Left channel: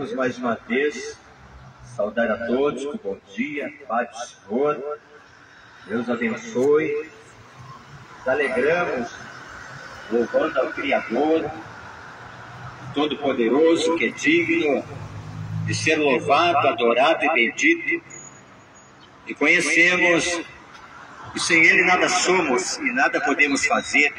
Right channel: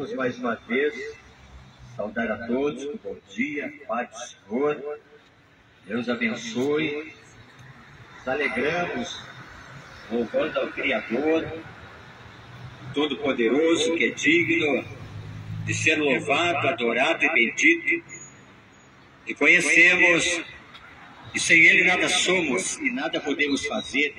Queremos mais uma vez saudar a todos com bom dia, paz do Senhor. Deus abençoe. Nos alegramos louvando ao Criador Todo-Poderoso, que é digno de ser louvado, adorado e bendito. E conhecemos que sem Ele nada somos e nada podemos fazer.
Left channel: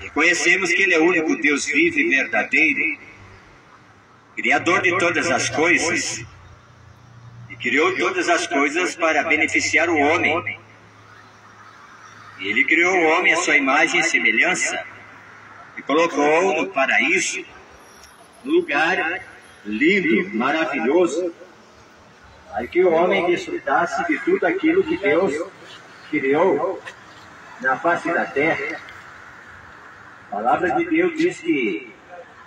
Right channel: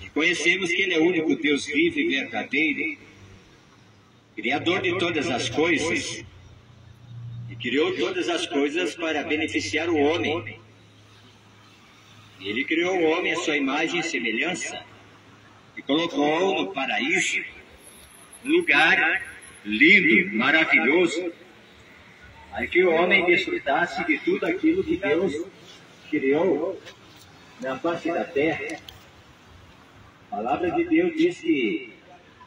E conhecemos que Ele é o único Deus vivo e verdadeiro, Criador de todas as coisas, e criou todas as coisas para beneficiar o homem. E Ele criou o homem à sua imagem e semelhança, e colocou no paraíso, um lugar lindo, maravilhoso, para que o homem desfrutasse de tudo aquilo que Deus criou na face da terra. A palavra de Deus diz que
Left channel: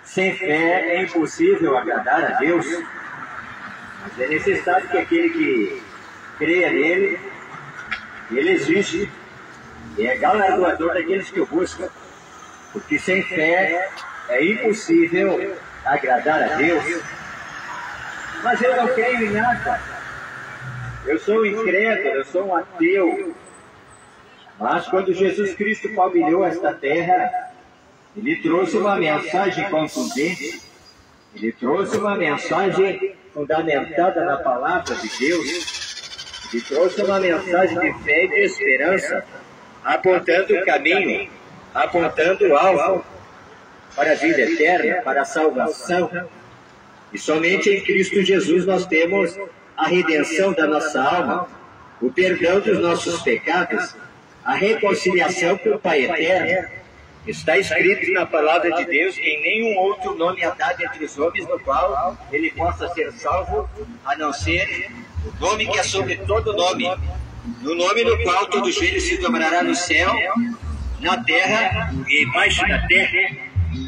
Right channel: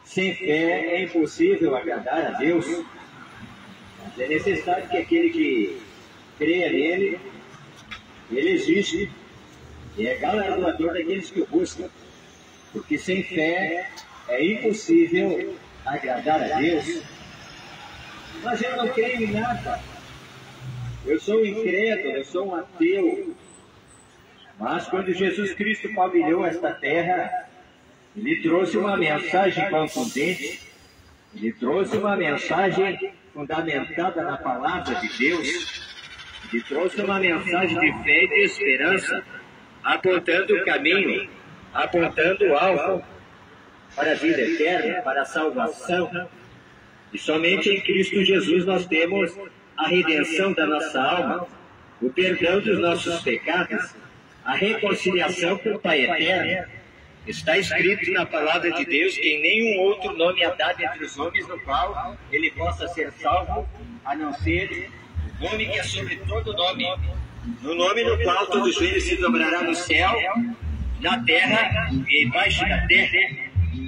sem fé é impossível agradar a Deus, mas é necessário que aquele que creia nele, ele existe, e é galardoador daqueles que o buscam, porque sem fé é impossível agradar a Deus. Mas eu não creio em nada, eu sou um incrédulo, eu sou um ateu. Mas quando Jesus Cristo palmilhou esta terra, Ele trouxe uma mensagem contundente, Ele trouxe uma mensagem fundamentada na palavra de Deus, Ele trouxe uma mensagem de fé e de esperança, apontando o caminho, apontando o alvo para a vida eterna, para a salvação. E somente em Cristo Jesus nós temos a redenção da nossa alma, o perdão dos nossos pecados, a reconciliação com o Pai eterno. Está escrito na palavra de Deus que em nenhum outro nome há dado entre os homens no qual ele possa ser salvo, a não ser o nome que é sobre todo nome, no nome no qual todo joelho se dobrará no céu, na terra e embaixo da terra,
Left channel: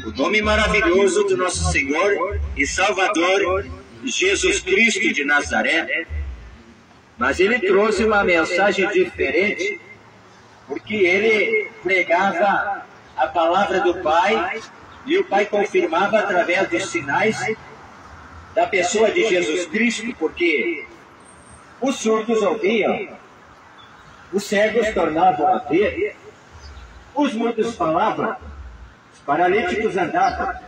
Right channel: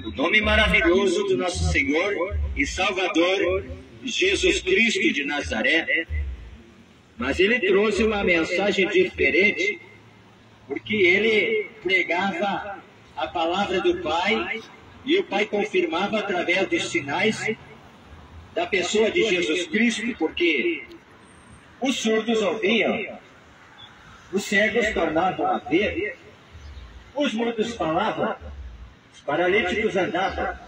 o nome maravilhoso do nosso Senhor e Salvador, Jesus Cristo de Nazaré. Mas ele trouxe uma mensagem diferente, porque ele pregava a palavra do Pai, e o Pai confirmava através dos sinais da pessoa de Jesus Cristo, porque os surdos ouviam, os cegos tornavam a ver, os mudos falavam, os paralíticos andavam,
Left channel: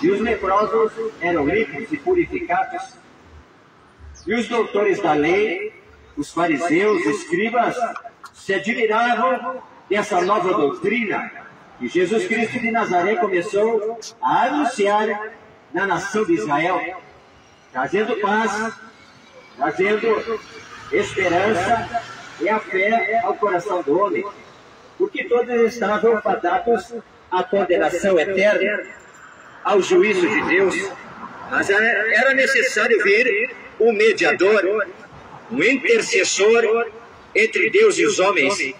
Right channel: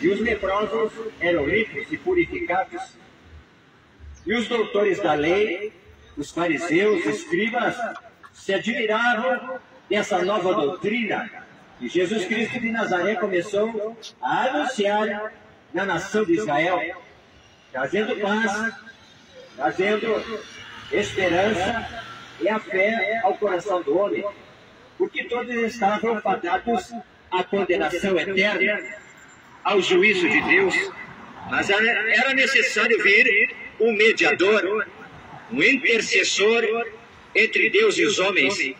e os leprosos eram limpos e purificados, e os doutores da lei, os fariseus, escribas, se admiravam dessa nova doutrina que Jesus Cristo de Nazaré começou a anunciar na nação de Israel, trazendo paz, trazendo esperança e a fé ao coração do homem, porque todos estavam fadados à condenação eterna, ao juízo de Deus. Mas era necessário ver um mediador, um intercessor entre Deus e os homens.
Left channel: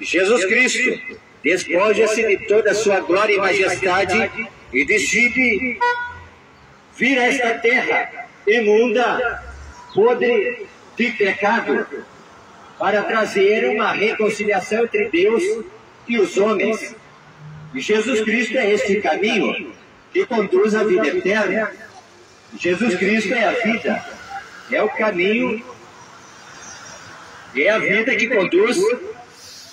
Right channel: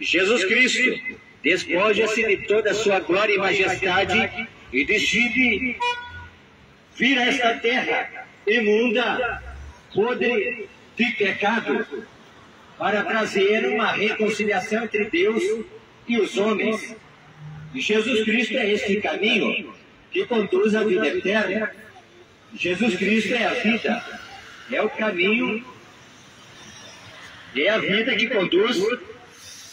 Jesus Cristo despoja-se de toda a sua glória e majestade e decide vir a esta terra imunda, podre de pecado, para trazer uma reconciliação entre Deus e os homens. E Jesus Cristo é este caminho que conduz à vida eterna. Jesus Cristo é a vida, é o caminho, é a vida que conduz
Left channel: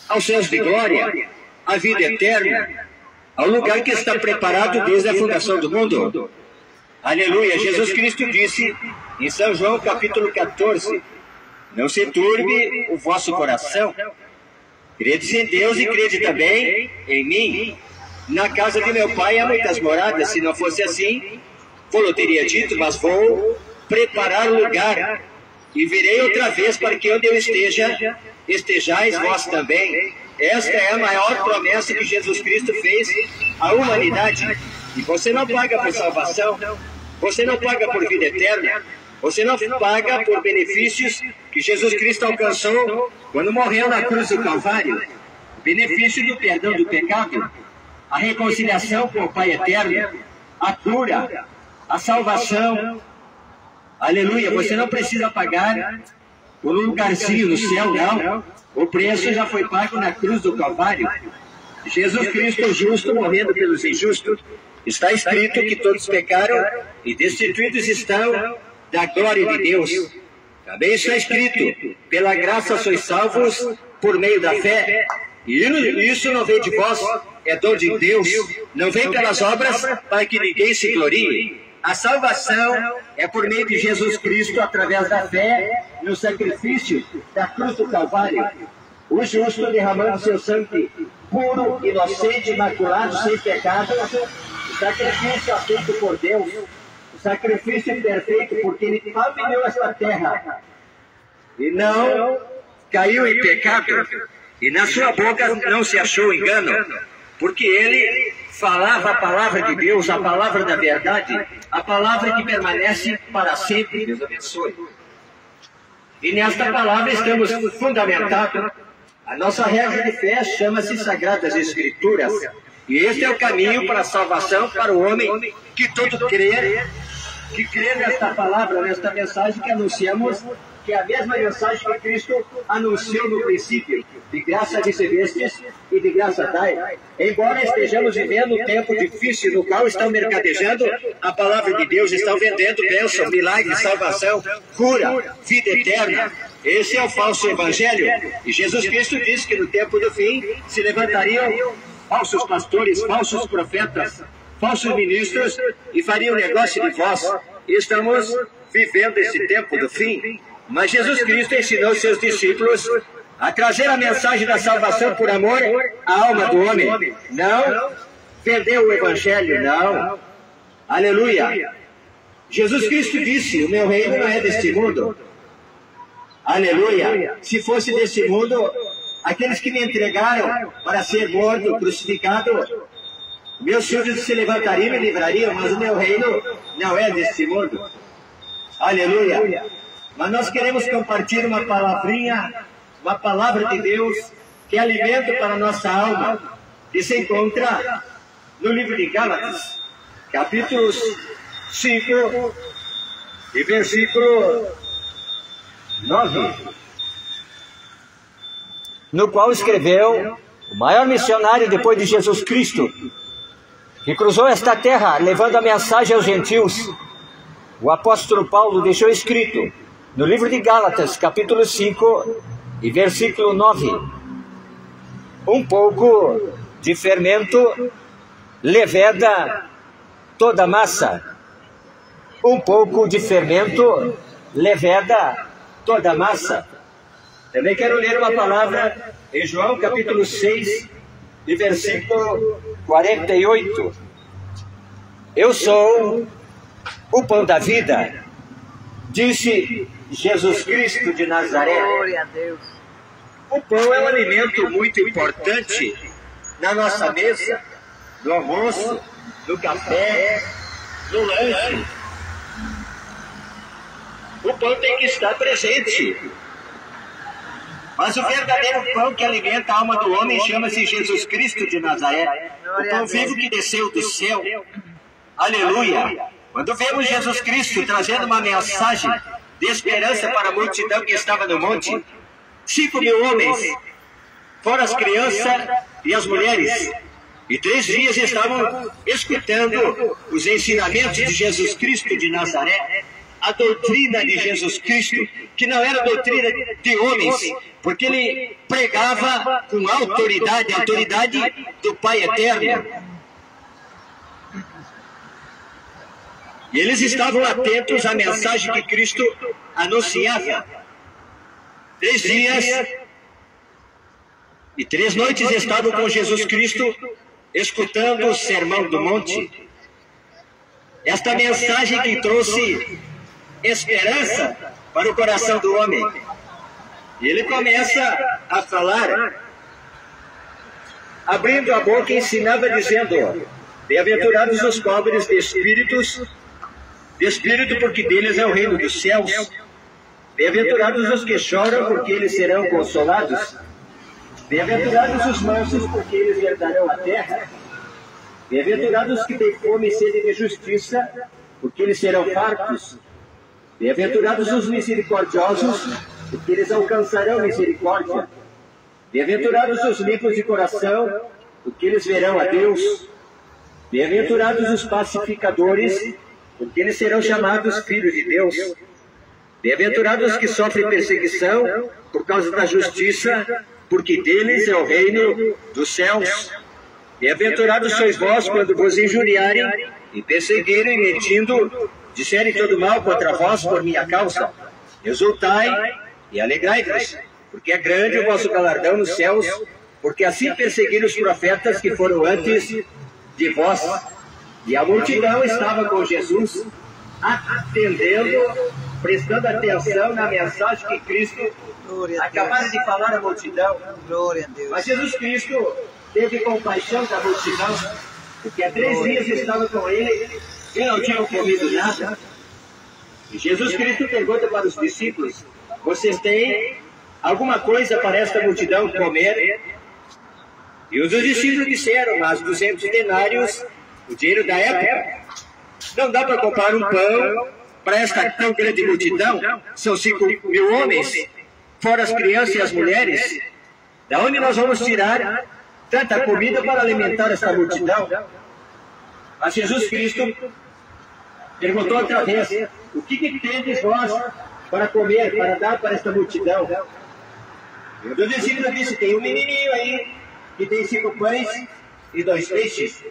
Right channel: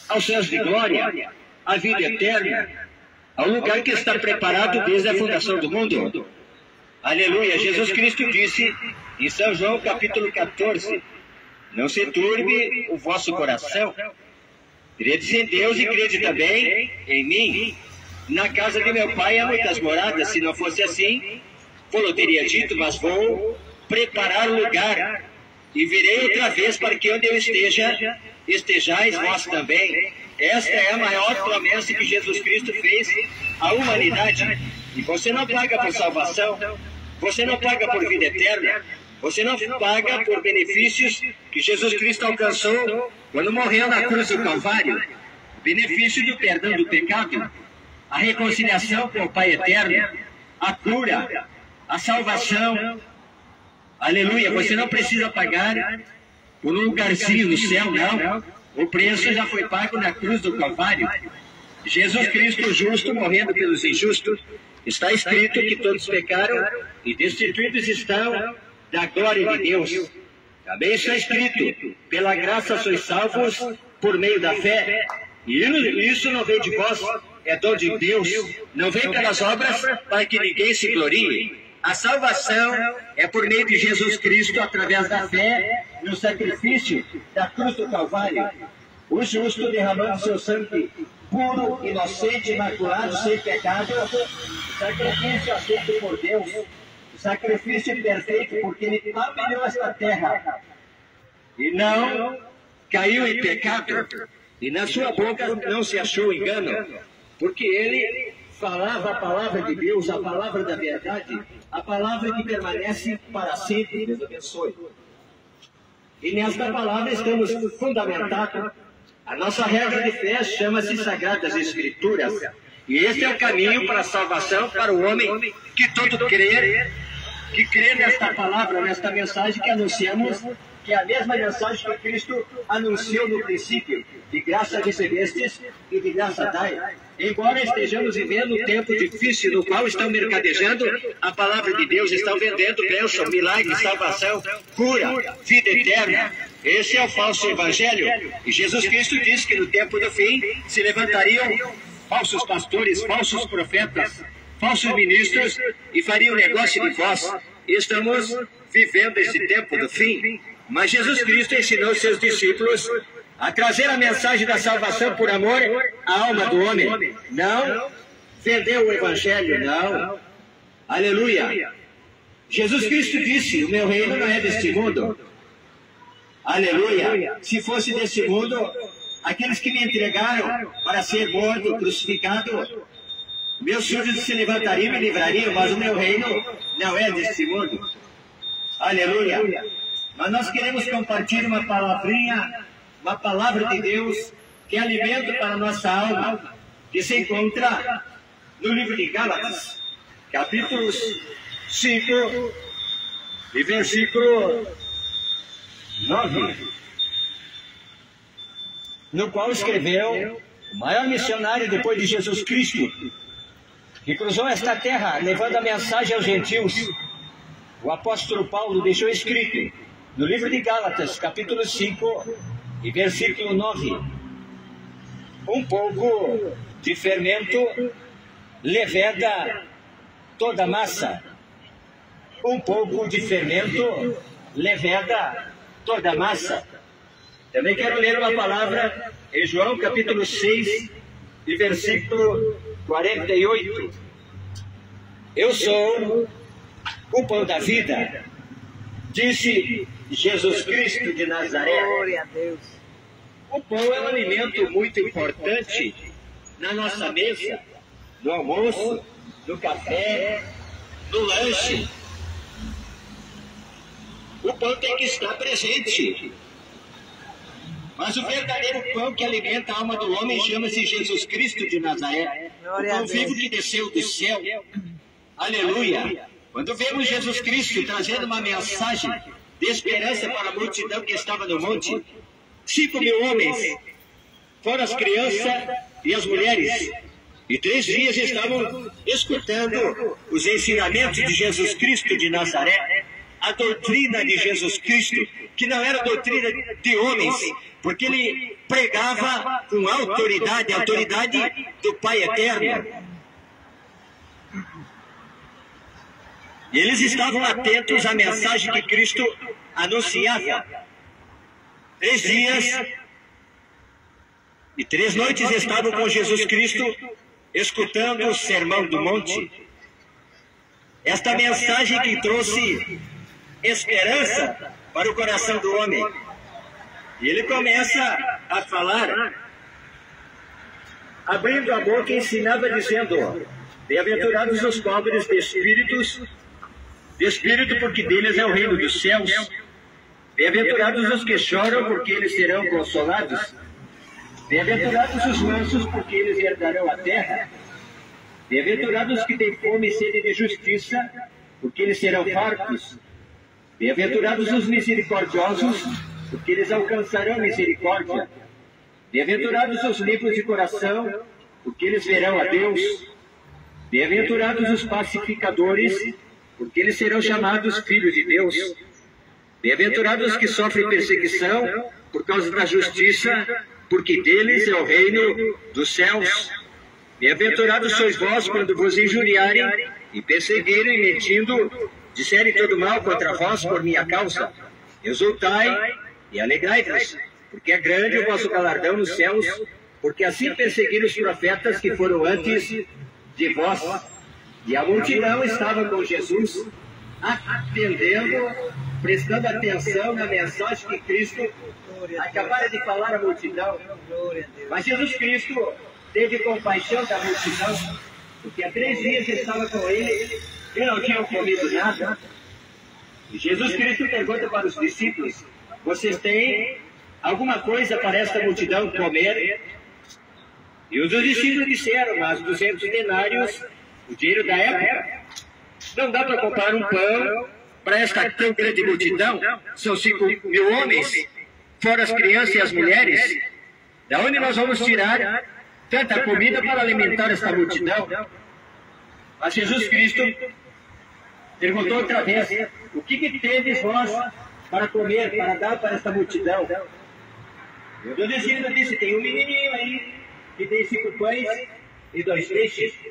aos céus de glória, à vida eterna, ao lugar que está preparado desde a fundação do mundo. Aleluia! Jesus Cristo disse em São João capítulo 14, não se turbe o vosso coração, credes em Deus e crede também em mim. Na casa de meu Pai há muitas moradas, se não fosse assim, eu teria dito, mas vou preparar lugar, e virei outra vez para que onde eu esteja, estejais vós também. Esta é a maior promessa que Jesus Cristo fez à humanidade. E você não paga por salvação, você não paga por vida eterna, você não paga por benefícios que Jesus Cristo alcançou quando morreu na cruz do Calvário. O benefício do perdão do pecado, a reconciliação com o Pai eterno, a cura, a salvação. Aleluia! Você não precisa pagar por um lugarzinho no céu, não. O preço já foi pago na cruz do Calvário. Jesus Cristo, o justo, morrendo pelos injustos. Está escrito que todos pecaram e destituídos estão da glória de Deus. Também está escrito: pela graça sois salvos por meio da fé. E isso não vem de vós, é dom de Deus, não vem pelas obras para que ninguém se glorie. A salvação é por meio de Jesus Cristo, através da fé no sacrifício da cruz do Calvário. O justo derramando seu sangue puro, inocente, imaculado, sem pecado, sacrifício aceito por Deus, sacrifício perfeito, porque ele palmilhou esta terra e não caiu em pecado, e na sua boca não se achou engano, porque ele falava a palavra de Deus, a palavra da verdade, a palavra que permanece para sempre. Deus abençoe. E nesta palavra estamos fundamentados. A nossa regra de fé chama-se Sagradas Escrituras. E este é o caminho para a salvação para o homem que todo crê, que crê nesta palavra, nesta mensagem que anunciamos, que é a mesma mensagem que Cristo anunciou no princípio: de graça recebestes e de graça dai. Embora estejamos vivendo um tempo difícil, no qual estão mercadejando a palavra de Deus, estão vendendo bênção, milagre, salvação, cura, vida eterna. Esse é o falso evangelho. E Jesus Cristo disse que no tempo do fim se levantariam falsos pastores, falsos profetas, falsos ministros e fariam negócio de vós. Estamos vivendo esse tempo do fim. Mas Jesus Cristo ensinou seus discípulos a trazer a mensagem da salvação por amor à alma do homem. Não vendeu o evangelho, não. Aleluia. Jesus Cristo disse: o meu reino não é deste mundo. Aleluia. Se fosse desse mundo, aqueles que me entregaram para ser morto, crucificado, meus súditos se levantariam e me livrariam, mas o meu reino não é deste mundo. Aleluia. Mas nós queremos compartilhar uma palavrinha, uma palavra de Deus, que é alimento para a nossa alma, que se encontra no livro de Gálatas, capítulo 5 e versículo 9, no qual escreveu o maior missionário depois de Jesus Cristo, que cruzou esta terra levando a mensagem aos gentios. O apóstolo Paulo deixou escrito no livro de Gálatas, capítulo 5 e versículo 9: um pouco de fermento leveda toda a massa. Um pouco de fermento leveda toda a massa. Também quero ler uma palavra em João, capítulo 6 e versículo 48. Eu sou o pão da vida, disse Jesus Cristo de Nazaré. Glória a Deus. O pão é um alimento muito importante na nossa mesa, no almoço, no café, no lanche. O pão tem que estar presente. Mas o verdadeiro pão que alimenta a alma do homem chama-se Jesus Cristo de Nazaré. O pão vivo que desceu do céu. Aleluia. Quando vemos Jesus Cristo trazendo uma mensagem de esperança para a multidão que estava no monte, 5.000 homens, fora as crianças e as mulheres, e 3 dias estavam escutando os ensinamentos de Jesus Cristo de Nazaré, a doutrina de Jesus Cristo, que não era doutrina de homens, porque ele pregava com autoridade, a autoridade do Pai Eterno. E eles estavam atentos à mensagem que Cristo anunciava. 3 dias e 3 noites estavam com Jesus Cristo, escutando o Sermão do Monte. Esta mensagem que trouxe esperança para o coração do homem. E ele começa a falar, abrindo a boca, ensinava dizendo: bem-aventurados os pobres de espírito, porque deles é o reino dos céus. Bem-aventurados os que choram, porque eles serão consolados. Bem-aventurados os mansos, porque eles herdarão a terra. Bem-aventurados os que têm fome e sede de justiça, porque eles serão fartos. Bem-aventurados os misericordiosos, porque eles alcançarão misericórdia. Bem-aventurados os limpos de coração, porque eles verão a Deus. Bem-aventurados os pacificadores, porque eles serão chamados filhos de Deus. Bem-aventurados os que sofrem perseguição por causa da justiça, porque deles é o reino dos céus. Bem-aventurados sois vós quando vos injuriarem e perseguirem, mentindo, disserem todo mal contra vós por minha causa. Exultai e alegrai-vos, porque é grande o vosso galardão nos céus, porque assim perseguiram os profetas que foram antes de vós. E a multidão estava com Jesus, atendendo, prestando atenção na mensagem que Cristo acabara de falar à multidão. Mas Jesus Cristo teve compaixão da multidão, porque há 3 dias estava com ele e não tinham comido nada. E Jesus Cristo pergunta para os discípulos: vocês têm alguma coisa para esta multidão comer? E os discípulos disseram: mas 200 denários, o dinheiro da época, não dá para comprar um pão para esta tão grande multidão. São 5.000 homens, fora as crianças e as mulheres. Da onde nós vamos tirar tanta comida para alimentar esta multidão? Mas Jesus Cristo perguntou outra vez: o que tendes vós para comer, para dar para esta multidão? E o discípulo disse: tem um menininho aí que tem 5 pães e 2 peixes.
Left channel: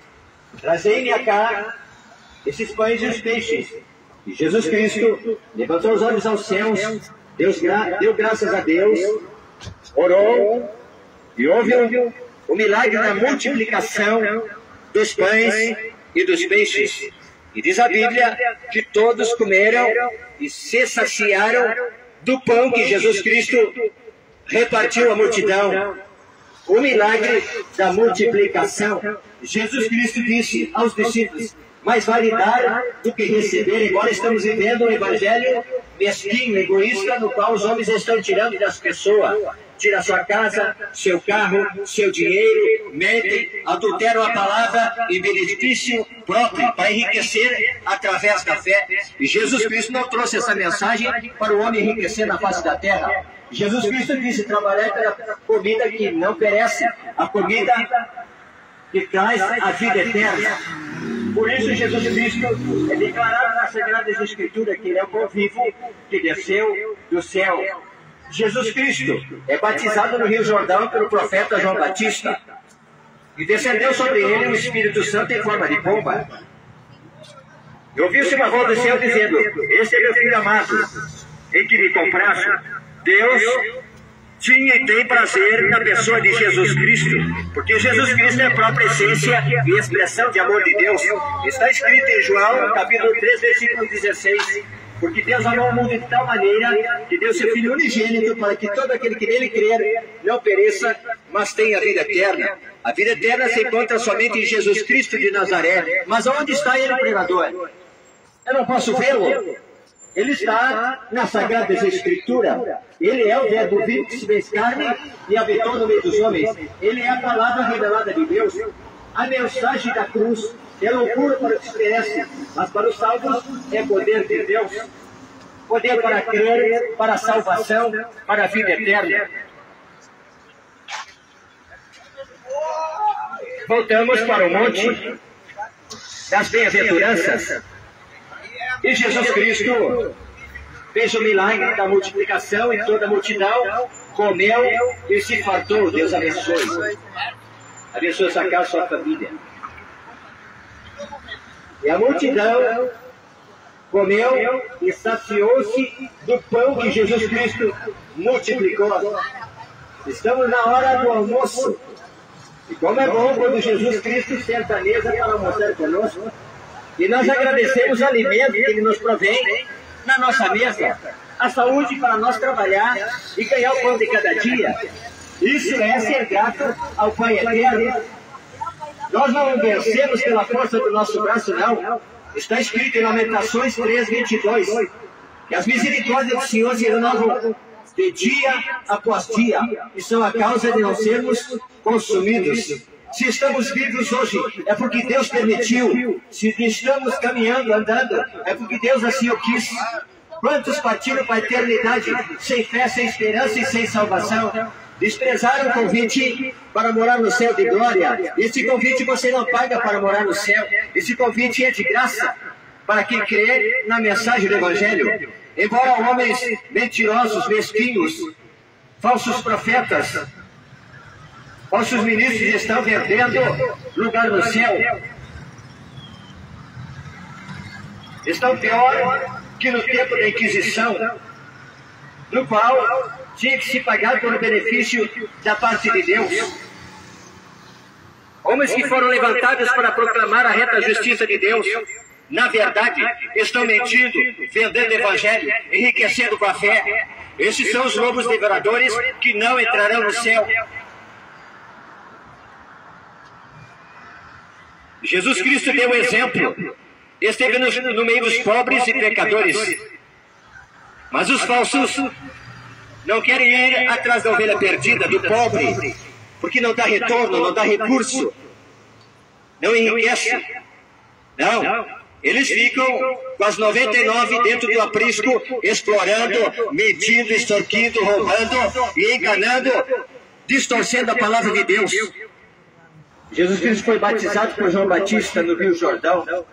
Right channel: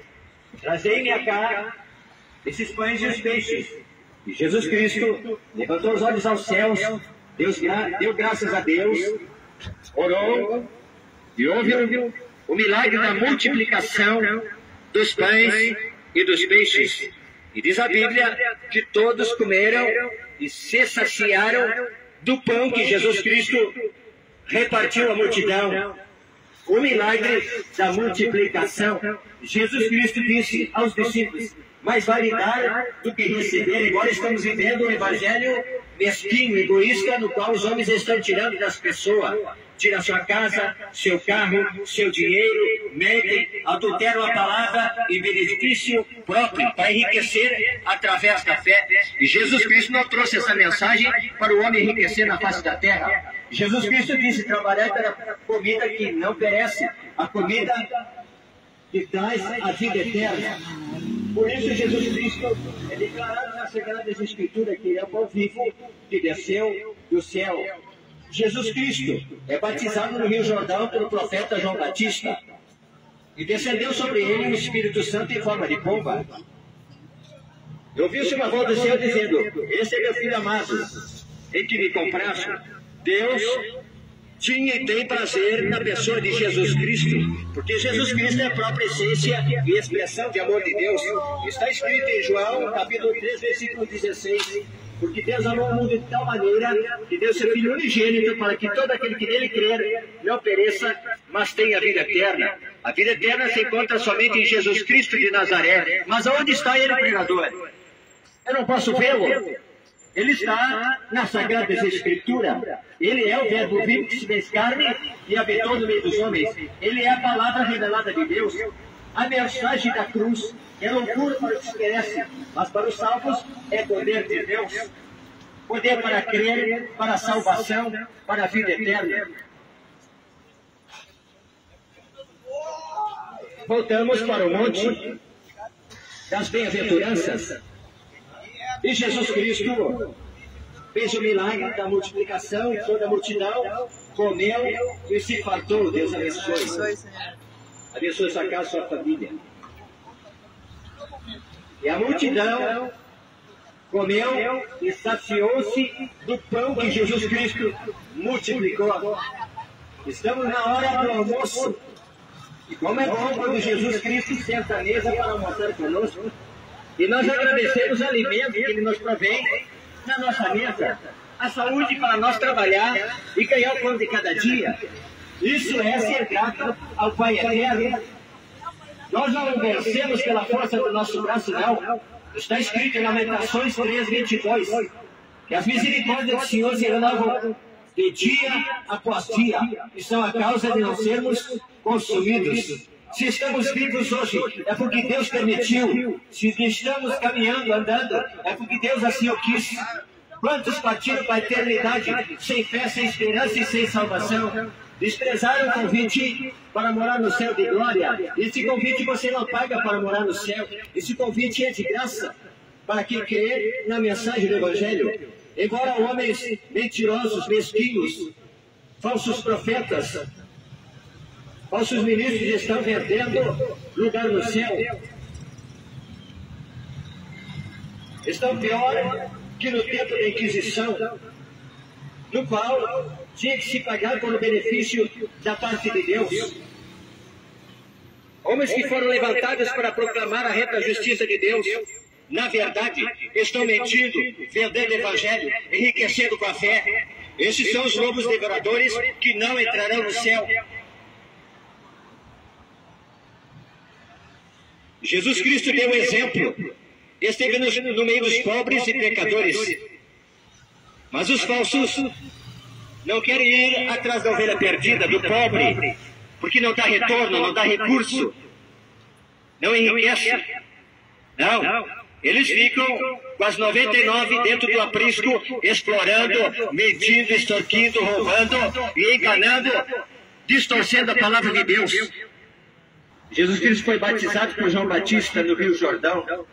Trazei-me cá esses pães e os peixes. E Jesus Cristo levantou os olhos aos céus, deu graças a Deus, orou, e houve o milagre da multiplicação dos pães e dos peixes. E diz a Bíblia que todos comeram e se saciaram do pão que Jesus Cristo repartiu à multidão. O milagre da multiplicação. Jesus Cristo disse aos discípulos: mais vale dar do que receber. Agora estamos vivendo um evangelho mesquinho, egoísta, no qual os homens estão tirando das pessoas. Tira sua casa, seu carro, seu dinheiro, mentem, adulteram a palavra em benefício próprio, para enriquecer através da fé. E Jesus Cristo não trouxe essa mensagem para o homem enriquecer na face da terra. Jesus Cristo disse: trabalhai pela comida que não perece, a comida que traz a vida eterna. Por isso Jesus Cristo é declarado na Sagrada Escritura que ele é o pão vivo que desceu do céu. Jesus Cristo é batizado no Rio Jordão pelo profeta João Batista, e descendeu sobre ele o Espírito Santo em forma de pomba. E ouviu-se uma voz do céu dizendo: esse é meu filho amado, em que me compraste. Deus tinha e tem prazer na pessoa de Jesus Cristo, porque Jesus Cristo é a própria essência e expressão de amor de Deus. Está escrito em João, capítulo 3, versículo 16: porque Deus amou o mundo de tal maneira que deu seu Filho unigênito, para que todo aquele que nele crer não pereça, mas tenha a vida eterna. A vida eterna se encontra somente em Jesus Cristo de Nazaré. Mas aonde está ele, pregador? Eu não posso vê-lo. Ele está na Sagrada Escritura. Ele é o verbo vivo que se fez carne e habitou no meio dos homens. Ele é a palavra revelada de Deus. A mensagem da cruz, que é loucura para os que perecem, mas para os salvos é poder de Deus. Poder para crer, para a salvação, para a vida eterna. Voltamos para o monte das bem-aventuranças. E Jesus Cristo fez o milagre da multiplicação e toda a multidão comeu e se fartou. Deus abençoe. Abençoe sua casa, sua família. E a multidão comeu e saciou-se do pão que Jesus Cristo multiplicou. Estamos na hora do almoço. E como é bom quando Jesus Cristo senta à mesa para almoçar conosco. E nós agradecemos o alimento que Ele nos provém na nossa mesa. A saúde para nós trabalhar e ganhar o pão de cada dia. Isso é ser grato ao Pai Eterno. Nós não vencemos pela força do nosso braço, não. Está escrito em Lamentações 3:22, que as misericórdias do Senhor se renovam de dia após dia, e são a causa de não sermos consumidos. Se estamos vivos hoje, é porque Deus permitiu. Se estamos caminhando, andando, é porque Deus assim o quis. Quantos partiram para a eternidade sem fé, sem esperança e sem salvação? Desprezaram o convite para morar no céu de glória. Esse convite você não paga para morar no céu. Esse convite é de graça. para quem crê na mensagem do Evangelho. Embora homens mentirosos, mesquinhos, falsos profetas, falsos ministros estão vendendo lugar no céu, estão pior que no tempo da Inquisição, no qual tinha que se pagar por um benefício da parte de Deus. Homens que foram levantados para proclamar a reta justiça de Deus, na verdade, estão mentindo, vendendo o Evangelho, enriquecendo com a fé. Esses são os lobos devoradores que não entrarão no céu. Jesus Cristo deu um exemplo. Esteve no meio dos pobres e pecadores. Mas os falsos não querem ir atrás da ovelha perdida, do pobre, porque não dá retorno, não dá recurso, não enriquece. Não, eles ficam com as 99 dentro do aprisco, explorando, mentindo, extorquindo, roubando e enganando, distorcendo a palavra de Deus. Jesus Cristo foi batizado por João Batista no Rio Jordão.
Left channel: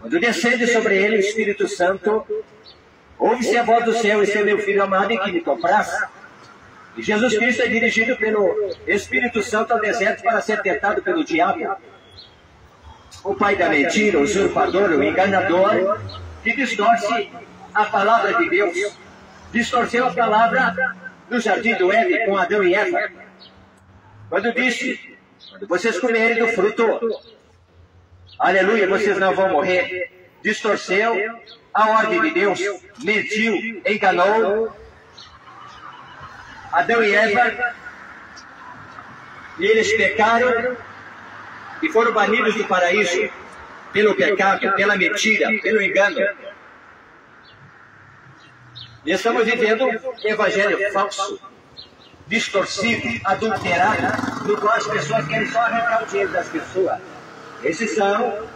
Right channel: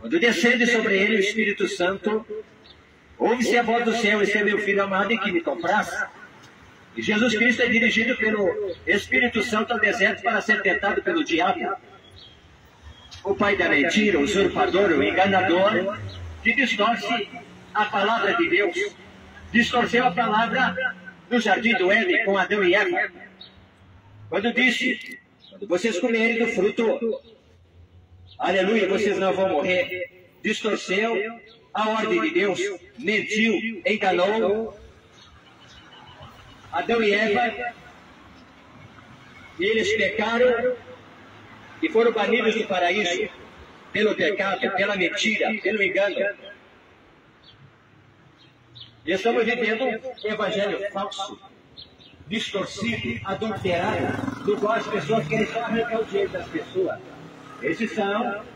Quando descende sobre ele o Espírito Santo, ouve-se a voz do céu: "Esse é meu filho amado em que me compraz." E Jesus Cristo é dirigido pelo Espírito Santo ao deserto para ser tentado pelo diabo, o pai da mentira, o usurpador, o enganador, que distorce a palavra de Deus. Distorceu a palavra no jardim do Éden com Adão e Eva, quando disse: "Quando vocês comerem do fruto, aleluia, vocês não vão morrer." Distorceu a ordem de Deus, mentiu, enganou Adão e Eva, e eles pecaram e foram banidos do paraíso pelo pecado, pela mentira, pelo engano. E estamos vivendo um evangelho falso, distorcido, adulterado, no qual as pessoas querem só arrancar o dinheiro das pessoas. Esses são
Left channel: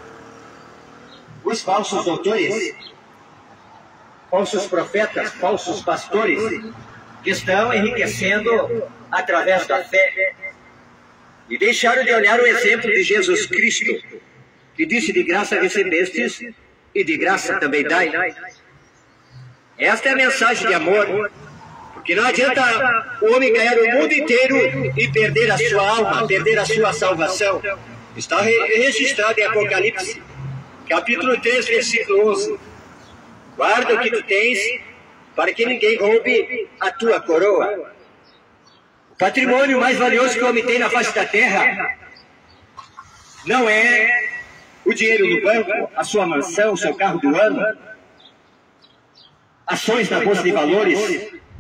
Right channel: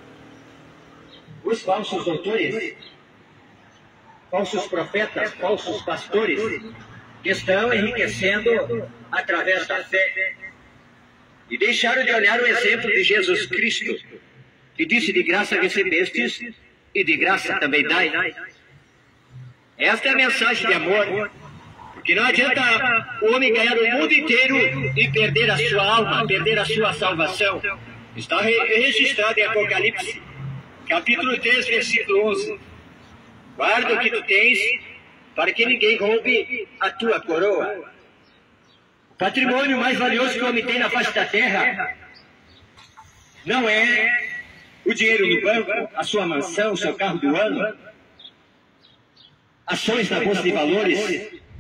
os falsos doutores, falsos profetas, falsos pastores, que estão enriquecendo através da fé. E deixaram de olhar o exemplo de Jesus Cristo, que disse: "De graça recebestes, e de graça também dai." Esta é a mensagem de amor, porque não adianta o homem ganhar o mundo inteiro e perder a sua alma, perder a sua salvação. Está registrado em Apocalipse, capítulo 3, versículo 11. "Guarda o que tu tens, para que ninguém roube a tua coroa." O patrimônio mais valioso que o homem tem na face da terra não é o dinheiro no banco, a sua mansão, o seu carro do ano, ações na bolsa de valores,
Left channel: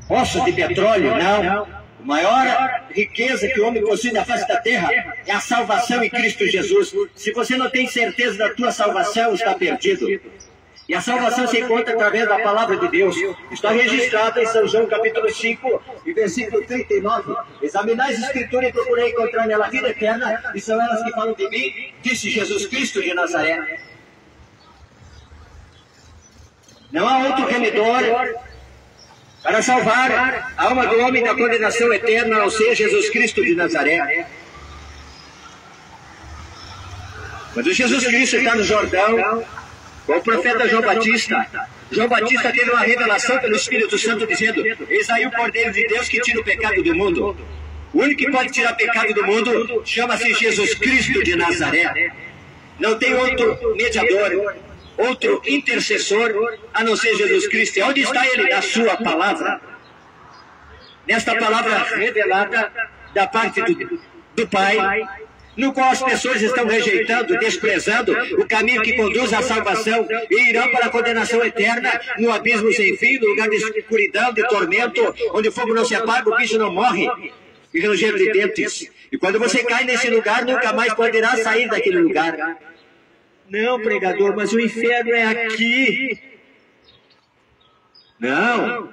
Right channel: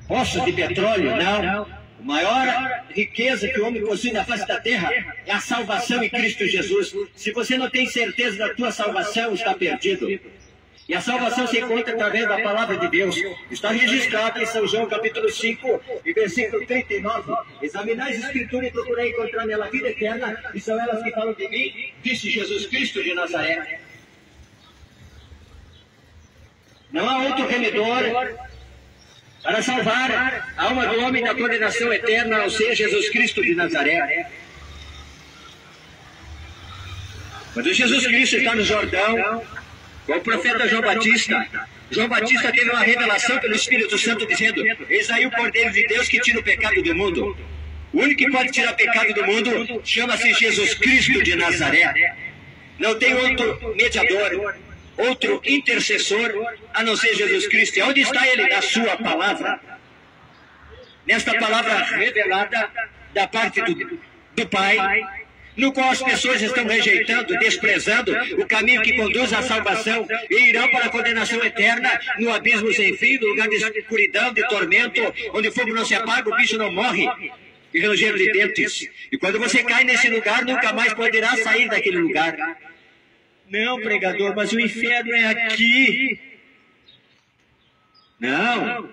poços de petróleo, não. A maior riqueza que o homem possui na face da terra é a salvação em Cristo Jesus. Se você não tem certeza da tua salvação, está perdido. E a salvação se encontra através da palavra de Deus. Está registrado em São João capítulo 5, e versículo 39. "Examinai as Escrituras e procurei encontrar nela a vida eterna, e são elas que falam de mim, disse Jesus Cristo de Nazaré." Não há outro remedor para salvar a alma do homem da condenação eterna, a não ser Jesus Cristo de Nazaré. Quando Jesus Cristo está no Jordão, com o profeta João Batista teve uma revelação pelo Espírito Santo dizendo: "Eis aí o Cordeiro de Deus que tira o pecado do mundo." O único que pode tirar o pecado do mundo chama-se Jesus Cristo de Nazaré. Não tem outro mediador, outro intercessor, a não ser Jesus Cristo. E onde está Ele? Na sua palavra. Nesta palavra revelada da parte do Pai, no qual as pessoas estão rejeitando, desprezando o caminho que conduz à salvação, e irão para a condenação eterna, no abismo sem fim, no lugar de escuridão, de tormento, onde o fogo não se apaga, o bicho não morre, e ranger de dentes. E quando você cai nesse lugar, nunca mais poderá sair daquele lugar. "Não, pregador, mas o inferno é aqui." Não.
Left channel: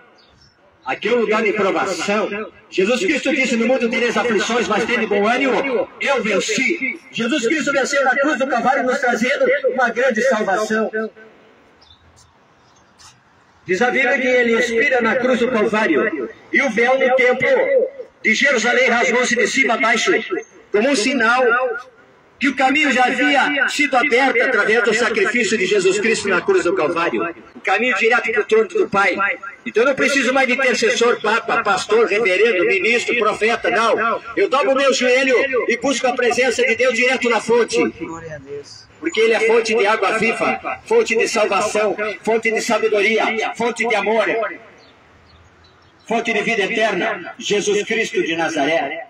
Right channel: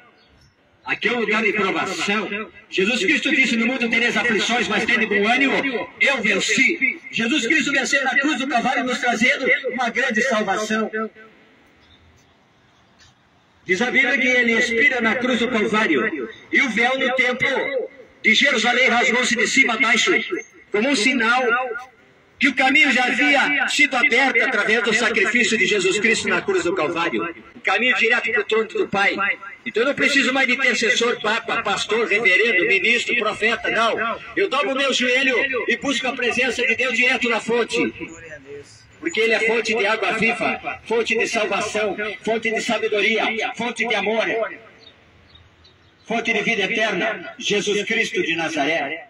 Aqui é um lugar de provação. Jesus Cristo disse: "No mundo tereis aflições, mas tende bom ânimo, eu venci." Jesus Cristo venceu na cruz do Calvário, nos trazendo uma grande salvação. Diz a Bíblia que Ele expira na cruz do Calvário, e o véu no templo de Jerusalém rasgou-se de cima a baixo, como um sinal que o caminho já havia sido aberto através do sacrifício de Jesus Cristo na cruz do Calvário. O caminho direto para o trono do Pai. Então eu não preciso mais de intercessor, papa, pastor, reverendo, ministro, profeta, não. Eu dobro o meu joelho e busco a presença de Deus direto na fonte. Porque Ele é fonte de água viva, fonte de salvação, fonte de sabedoria, fonte de amor, fonte de vida eterna, Jesus Cristo de Nazaré.